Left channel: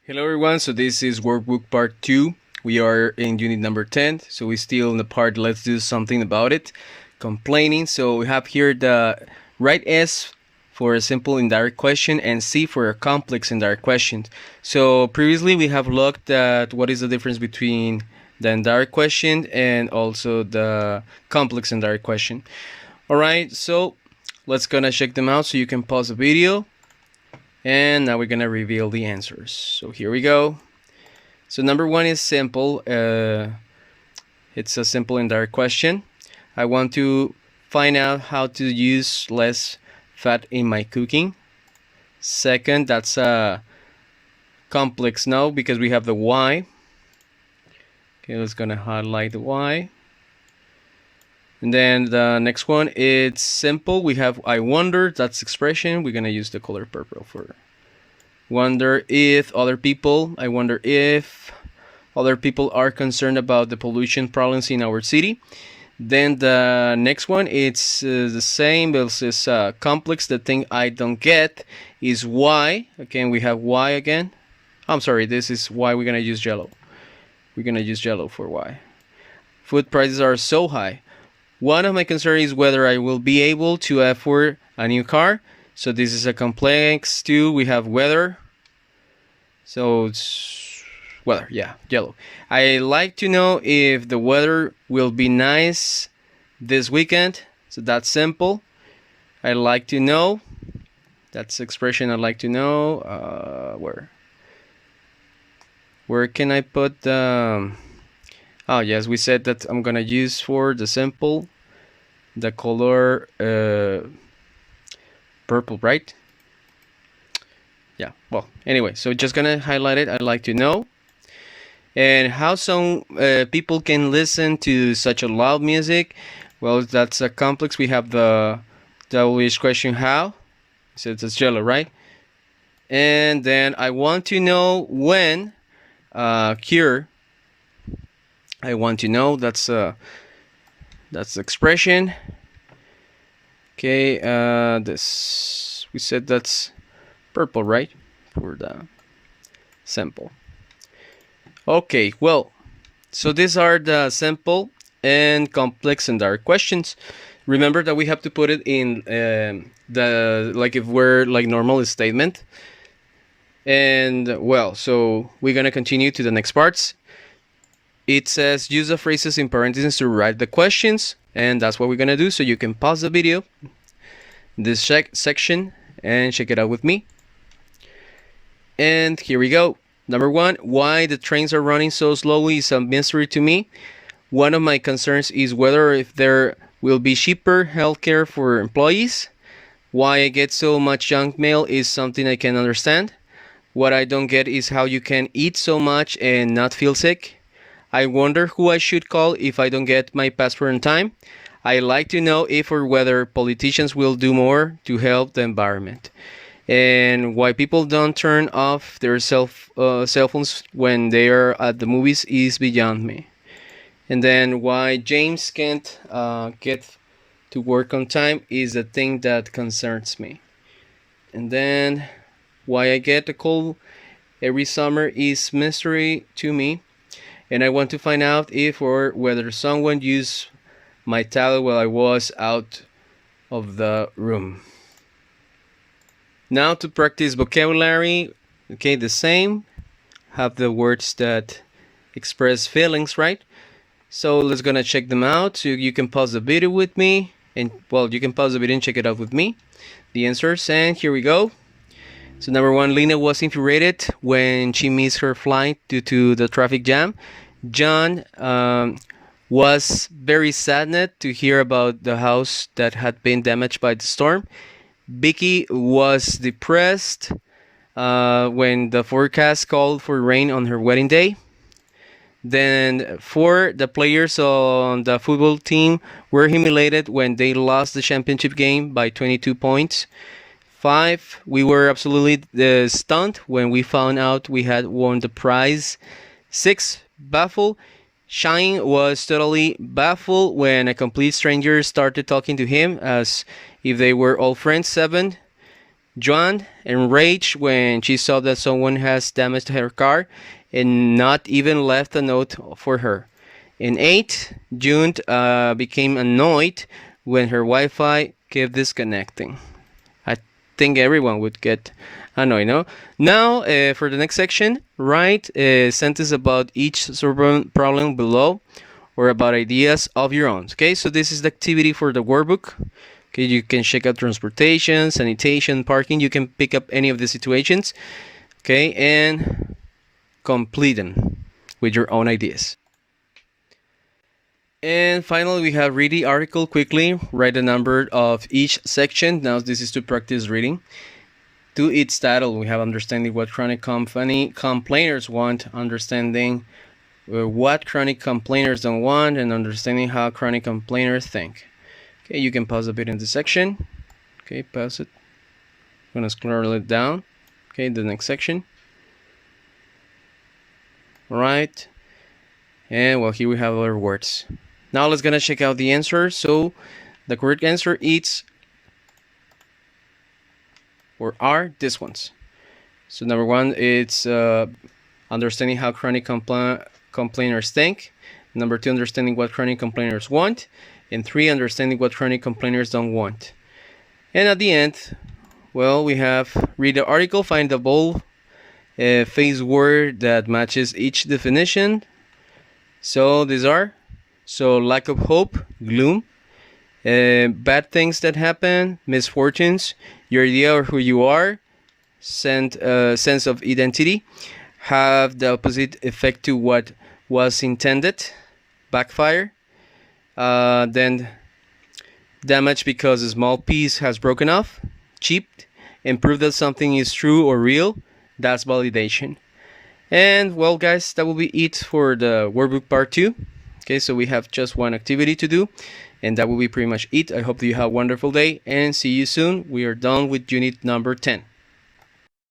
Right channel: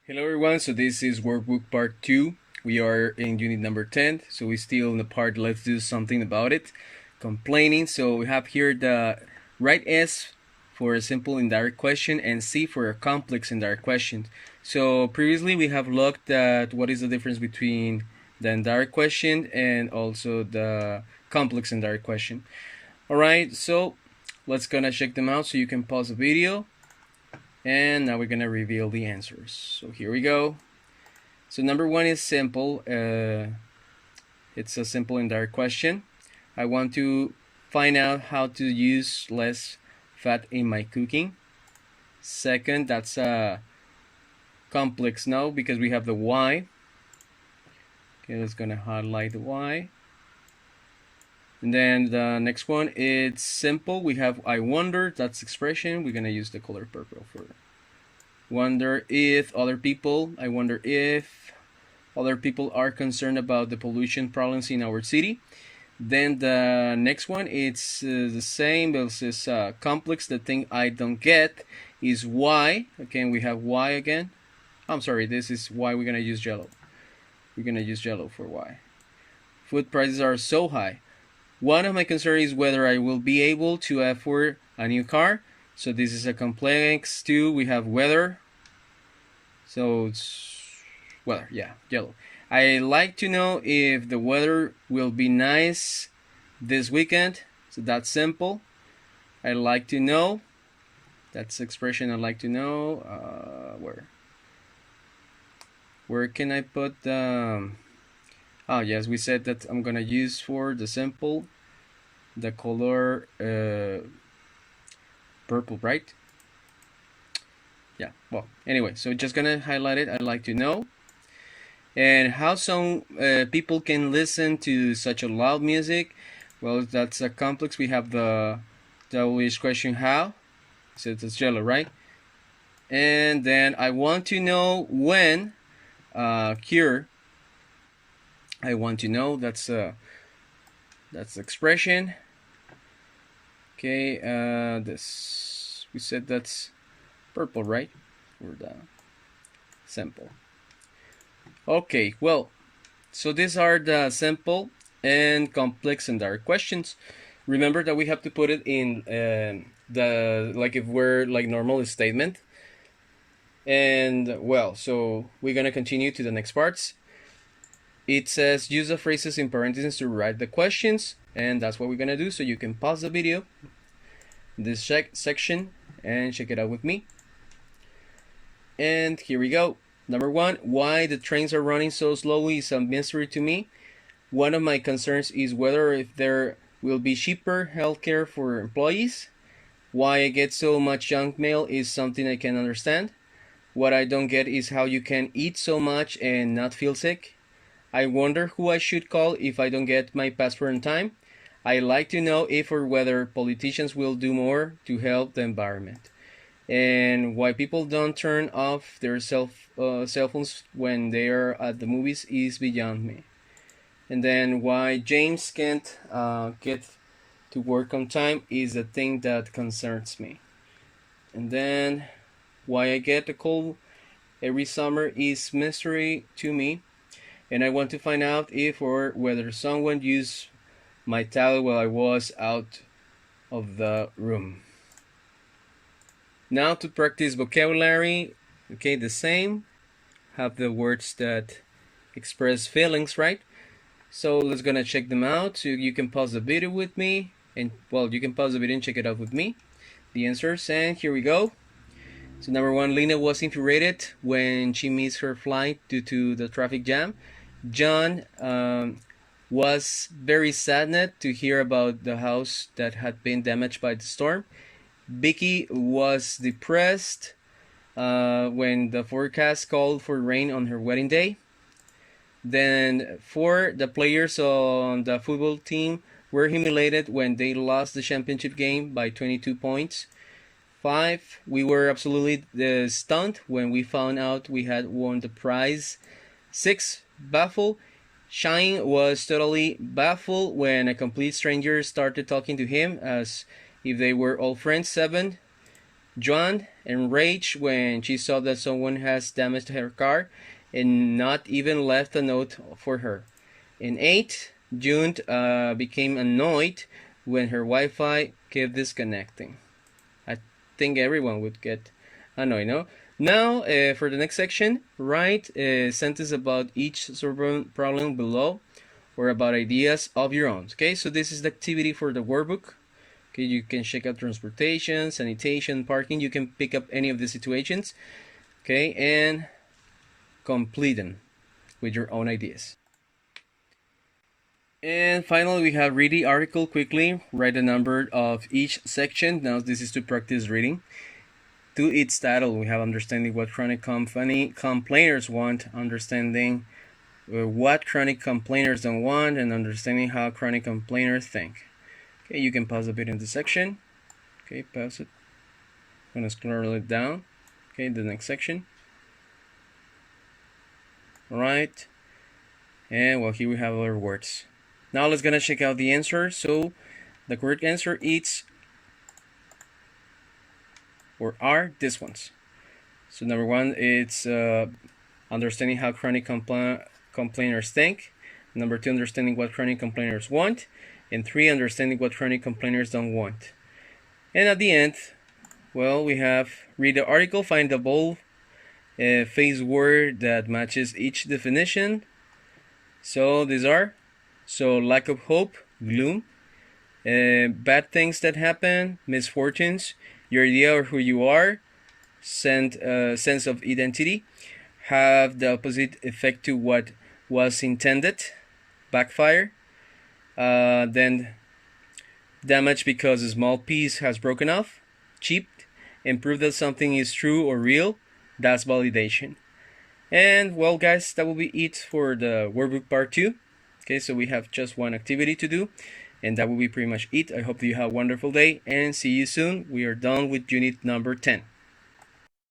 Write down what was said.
Hello everyone, so this is Workbook Part 2. We are in unit number 10, so we're still in the part let's do something about it, complaining. So we have here the write S for a simple indirect question and C for a complex indirect question. So previously we have looked at what is the difference between the indirect question and also the complex indirect question. Alright, so let's gonna check them out so you can pause the video. And now we're gonna reveal the answers. So here we go. So number one is simple. It's a simple indirect question. I want to find out how to use less fat in my cooking. Second, that's a complex no because we have the why. Okay, let's gonna highlight the why. And then the next one, it's simple. We have I wonder, that's expression. We're gonna use the color purple for wonder if other people. I wonder if other people are concerned about the pollution problems in our city. Then the next one, it's the same, but it's complex. The thing I don't get is why. Again, we have why again. I'm sorry, this is why we're gonna use yellow. We're gonna use yellow for why. Food prices are so high. One of my concerns is whether I will be able to afford a new car. So this is a complex too. We have weather. So it's weather, yeah, yellow. I like to know if the weather will be nice this weekend. So that's simple. I like to know. That's the expression I like to know. Where can I put the... Oh yes, we said that I'm gonna use for the simple the color purple, right? Yeah, well, anyway, so just gonna highlight it. I'd like to know. And how some people can listen to such a loud music. Well, that's a complex. We have the WH question how. So it's yellow, right? And then I want to know when cure. I want to know, that's the expression. Okay, this we said that's purple, right? For the sample. Okay, well, so these are the simple and complex and direct questions. Remember that we have to put it in the, like if we're like normal statement. And well, so we're gonna continue to the next parts. It says use the phrases in parentheses to write the questions, and that's what we're gonna do. So you can pause the video, this section, and check it out with me. And here we go. Number one, why the trains are running so slowly is a mystery to me. One of my concerns is whether if there will be cheaper healthcare for employees. Why I get so much junk mail is something I can understand. What I don't get is how you can eat so much and not feel sick. I wonder who I should call if I don't get my passport in time. I like to know if or whether politicians will do more to help the environment. And why people don't turn off their cell phones when they are at the movies is beyond me. And then why James can't get to work on time is the thing that concerns me. And then why I get a cold every summer is mystery to me. And I want to find out if or whether someone used my towel while I was out of the room. Now to practice vocabulary, okay, the same. Have the words that express feelings, right? So let's gonna check them out. So you can pause the video with me, and well, you can pause the video and check it out with me. The answers, and here we go. So number one, Lena was infuriated when she missed her flight due to the traffic jam. John was very saddened to hear about the house that had been damaged by the storm. Vicky was depressed when the forecast called for rain on her wedding day. Then 4, the players on the football team were humiliated when they lost the championship game by 22 points. 5, we were absolutely stunned when we found out we had won the prize. 6, baffled. Shine was totally baffled when a complete stranger started talking to him as if they were all friends. 7, Joan enraged when she saw that someone has damaged her car and not even left a note for her. In 8, June became annoyed when her Wi-Fi kept disconnecting. I think everyone would get annoyed, no? Now, for the next section, write a sentence about each problem below or about ideas of your own. Okay, so this is the activity for the workbook. Okay, you can check out transportation, sanitation, parking. You can pick up any of the situations. Okay, and complete them with your own ideas. And finally, we have read the article quickly, write the number of each section. Now, this is to practice reading. To its title, we have understanding what chronic complainers want, understanding what chronic complainers don't want, and understanding how chronic complainers think. Okay, you can pause a bit in the section. Okay, pause it. I'm gonna scroll it down. Okay, the next section. All right. And well, here we have other words. Now let's gonna check out the answer. So the correct answer is or are these ones. So number 1, it's understanding how chronic complainers think. Number 2, understanding what chronic complainers want. And 3, understanding what chronic complainers don't want. And at the end, well, we have read the article, find the bold face word that matches each definition. So these are, so lack of hope, gloom, bad things that happen, misfortunes, your idea of who you are, sense of identity, have the opposite effect to what was intended, backfire, then damage because a small piece has broken off, cheap, and prove that something is true or real, that's validation. And well, guys, that will be it for the workbook part 2. Okay, so we have just one activity to do, and that will be pretty much it. I hope that you have a wonderful day, and see you soon. We are done with unit number 10.